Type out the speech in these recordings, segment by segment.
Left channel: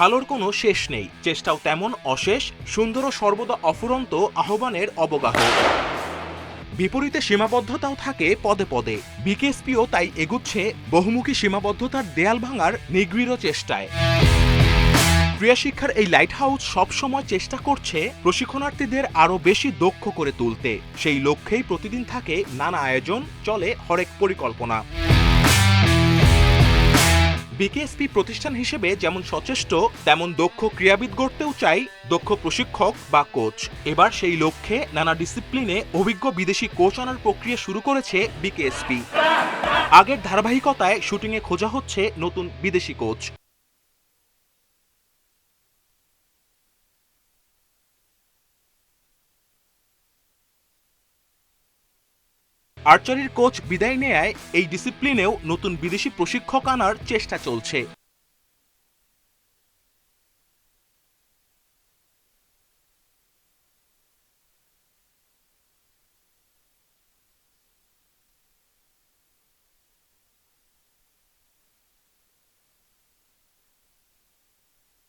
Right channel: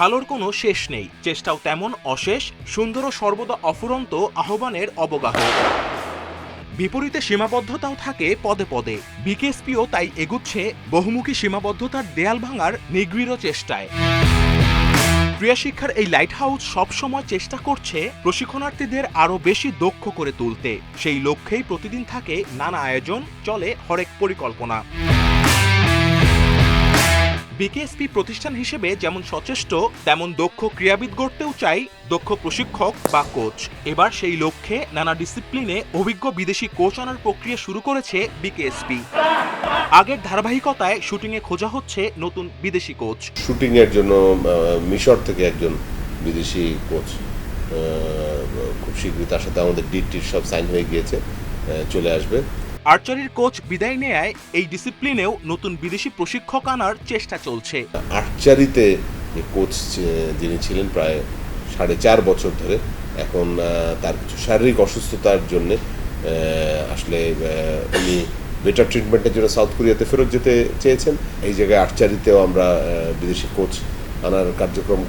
ভালোর কোনো শেষ নেই। চেষ্টাও তেমন অশেষ, সুন্দর ও সর্বদা অফুরন্ত আহ্বানের অবগাহ। বিপরীতে সীমাবদ্ধতাও থাকে পদে পদে। বিকেএসপিও তাই এগুচ্ছে বহুমুখী সীমাবদ্ধতার দেয়াল ভাঙার নিগৃঢ় চেষ্টায়। ক্রিয়া শিক্ষার এই লাইট হাউস সবসময় চেষ্টা করছে প্রশিক্ষণার্থীদের আরও বেশি দক্ষ করে তুলতে। সেই লক্ষ্যেই প্রতিদিন থাকে নানা আয়োজন, চলে হরেক পরিকল্পনা। বিকেএসপি প্রতিষ্ঠান হিসেবে যেমন সচেষ্ট, তেমন দক্ষ ক্রীড়াবিদ গড়তেও চাই দক্ষ প্রশিক্ষক বা কোচ। এবার সেই লক্ষ্যে নানা ডিসিপ্লিনে অভিজ্ঞ বিদেশি কোচ আনার প্রক্রিয়া শুরু করেছে বিকেএসপি। আগের ধারাবাহিকতায় শুটিংয়ে খোঁজা হচ্ছে নতুন বিদেশি কোচ। শুটিং এর জন্য মিশর থেকে একজন বিদেশি কোচ খুব শীঘ্রই তার সাথে আমাদের ডিটির সব সাইন হয়ে গিয়েছে চলে আসবে। আর্চারির কোচ বিদায় নেয় এই ডিসিপ্লিনেও নতুন বিদেশি প্রশিক্ষক আনার চেষ্টা চলছে। আর্চারিতে যে কোচ যিনি ছিলেন প্রায় সাড়ে চার বছর ধরে, এখন তার কিছু শারীরিক অসুস্থতার জন্য আসলে উনি বেটার ট্রিটমেন্টের জন্য সাউথ কোরিয়াতে ফেরত যেতে চেয়েছেন। এই জায়গায় আর্চারিতেও আমরা বিদেশি কোচ আনার কার্যক্রম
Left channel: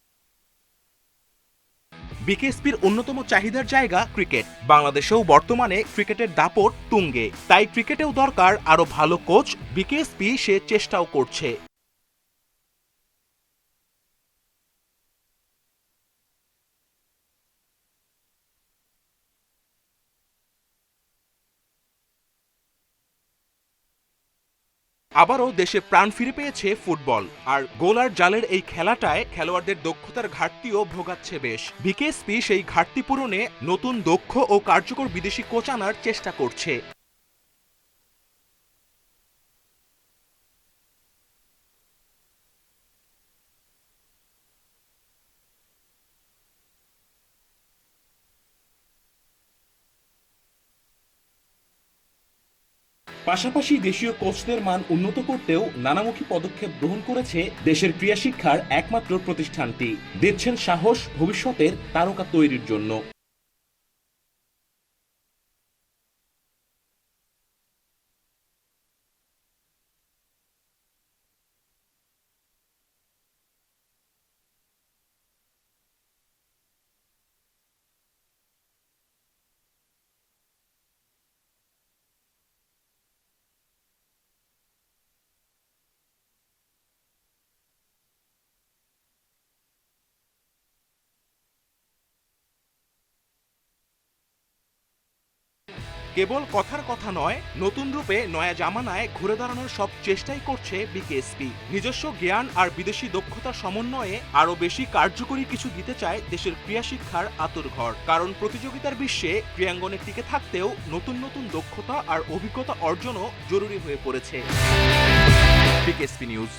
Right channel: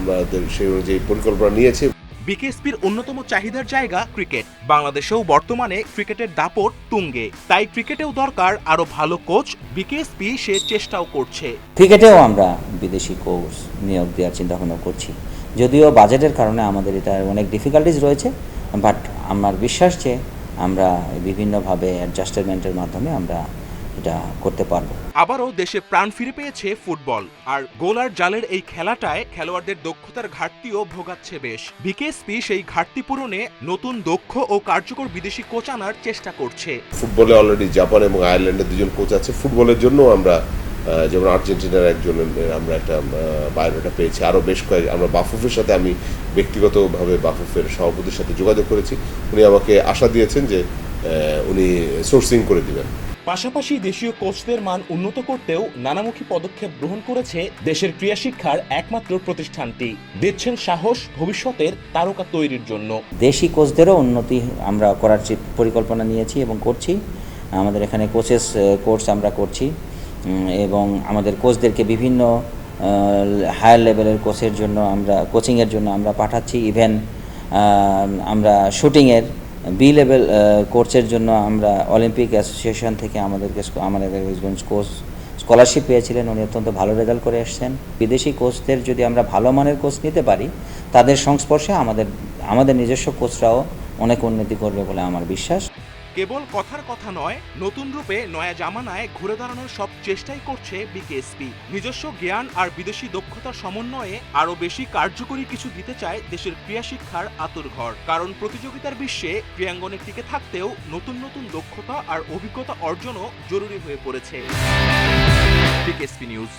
আমাদের সেই অনুযায়ী পরিকল্পনা নিয়েছি। বিকেএসপির অন্যতম চাহিদার জায়গা ক্রিকেট। বাংলাদেশেও বর্তমানে ক্রিকেটের দাপট তুঙ্গে। তাই ক্রিকেটেও দরকার আরও ভালো কোচ, বিকেএসপি সে চেষ্টাও করছে। ক্রিকেটেও আমরা বিদেশি কোচ নিয়োগ দেওয়ার চিন্তাভাবনা করছি। যদিও বাজেটের কারণে আমাদের এটা অনেক ডিফিকাল্টিস রয়েছে বাট আমার বিশ্বাস যে আমরা বিভিন্নভাবে অ্যাডজাস্টমেন্টের মাধ্যমে আমরা এটা করতে পারব। আবারও দেশে প্রাণ ফিরে পেয়েছে ফুটবল। আর গোল আর জালের এই খেলাটায় খেলোয়াড়দের দক্ষতার ঘাটতিও ভোগাচ্ছে বেশ। বিকেএসপি সেই ঘাটতি পূরণে নতুন দক্ষ ও কার্যকর বিদেশি কোচ আনার চেষ্টা করছে। ফুটবলে অলরেডি জাপান এবং আয়ারল্যান্ডের দুজন কোচ আছে। ফুটবলের জন্য আমরা যেমন আর্জেন্টিনার একজন আমরা একটা বায়োডাটা পেয়েছি। আরও বেশ কয়েক আমরা বাফুফের সাথে আমি ব্যক্তিগতভাবে বাফুফের সভাপতির সাথে যোগাযোগ করেছি। উনি আমাকে আশা দিয়েছেন যে উনি সোর্সিং করে দিবেন। পাশাপাশি দেশীয় কোচদের মান উন্নত করতেও নানামুখী পদক্ষেপ গ্রহণ করেছে দেশের ক্রীড়া শিক্ষার একমাত্র প্রতিষ্ঠানটি। দিচ্ছেন সাহস ভবিষ্যতের তারকা তৈরির জন্য। দেশি কোচদেরও উন্নতি আমরা করার পরিকল্পনা নিয়েছি এবং করছি। আমাদের এখানে কোচেস কোর্স আমরা করছি। এবং আমাদের কোচদেরকে বিভিন্ন হায়ার লেভেলের কোচের জন্য আমরা, কোচিংয়ের জন্য আমরা পাঠাচ্ছি। ইভেন আমরা শুটিংয়ের বি লেভেল কোর্সের জন্য আমরা অলিম্পিক অ্যাসোসিয়েশন থেকে আমাদেরকে আমাদের কোর্স স্কলারশিপ পেয়েছিলেন। উনি অত্যন্ত ভালো রেজাল্ট করে এসেছেন বিদেশি কোচদের যদি আমরা ভালো মানের কোচ নিতে পারি, তাদের সংস্পর্শে আমাদের আমাদের নিজস্ব কোচরাও অনেক উন্নতি করবে বলে আমার বিশ্বাস। কেবল কথার কথা নয়, নতুন রূপে নয়া জামানায় ঘুরে দাঁড়ানোর সব চেষ্টাই করছে বিকেএসপি। নিজস্ব জ্ঞান আর বিদেশি দক্ষতার সমন্বয়ে আরও বেশি কার্যকরী কিছু দিতে চায় দেশের ক্রীড়া শিক্ষার আতুরঘর কারণ প্রতিযোগিতার বিশ্বে ক্রীড়াঙ্গনে টিকে থাকতেও নতুন নতুন দক্ষতা আর অভিজ্ঞতা অর্জনও জরুরি হয়ে পড়েছে। BKSP news